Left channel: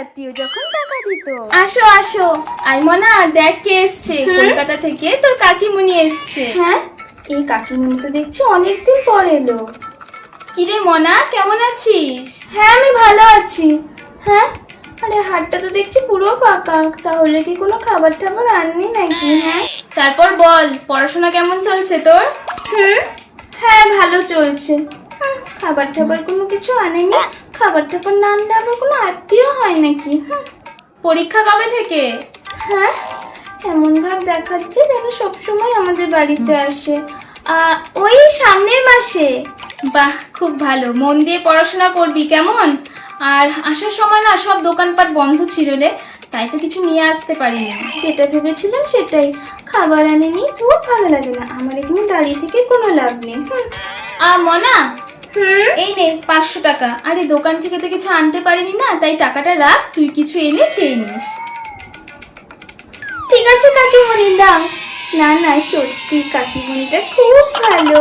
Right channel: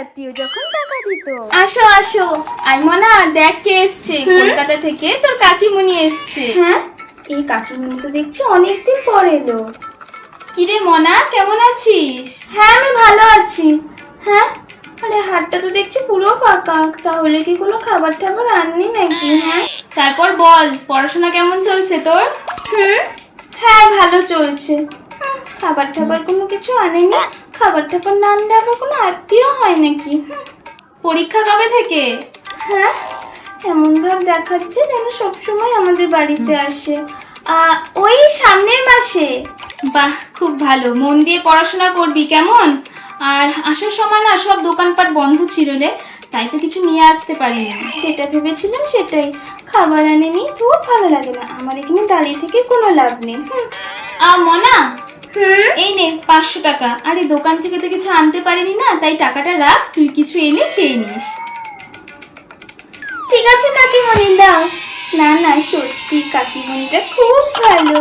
আত্মীয় যখন টাকা দিত। আসো আসো, আইমনা দেখ কে এসছে, কলকাতা থেকে তোর কাকিমুনি এসছে। হ্যাঁ, এই কাকিমুনি তো দেখছি অনেকদিন পর এলো। কিরে মনা, কেমন আছিস? হ্যাঁ, আমি ভালো আছি। হ্যাঁ, আরে হাটটা তো দেখছি পুরো ফাঁকা, তাহলে কি কোনো খাবার টাবার আননি নাকি? হ্যাঁ, তারপর বল, পড়াশোনা কেমন চলছে তোর? হ্যাঁ ভালো চলছে। খাবার টাবার কোনো কিছু আনেনি, খাবার টাবার না আনলে আবার কোনো আত্মীয় হয় নাকি? পরীক্ষা কবে থেকে? হ্যাঁ, এমন ভাব দেখাচ্ছে যেন সবসময় আমাদের বাড়িতে আসে। ওই সামনের মাসে। বাহ, খুব ভালো, মন দিয়ে পড়াশোনা করবি কেমন? আর আসার সময় না সব দোকানপাট বন্ধ ছিল রে, তাই তো কিছু নিয়ে আসতে পারিনি। যেটা ভেবেছিলাম সেটাই, খাবার আনেনি তো ভালো লাগে না, আমার এখানে দাঁড়িয়ে থেকে কোনো লাভ নেই। মনা, এই নে 500 টাকা। আরে দোকান থেকে তো কিছু আনতে পারিনি না, তাই টাকাটা রাখ, তুই কিছু এনে খেয়ে নিস। ঠিক আছে কাকিমণি, দাও। না না, সত্যি কাকিমণিটা খুব ভালো।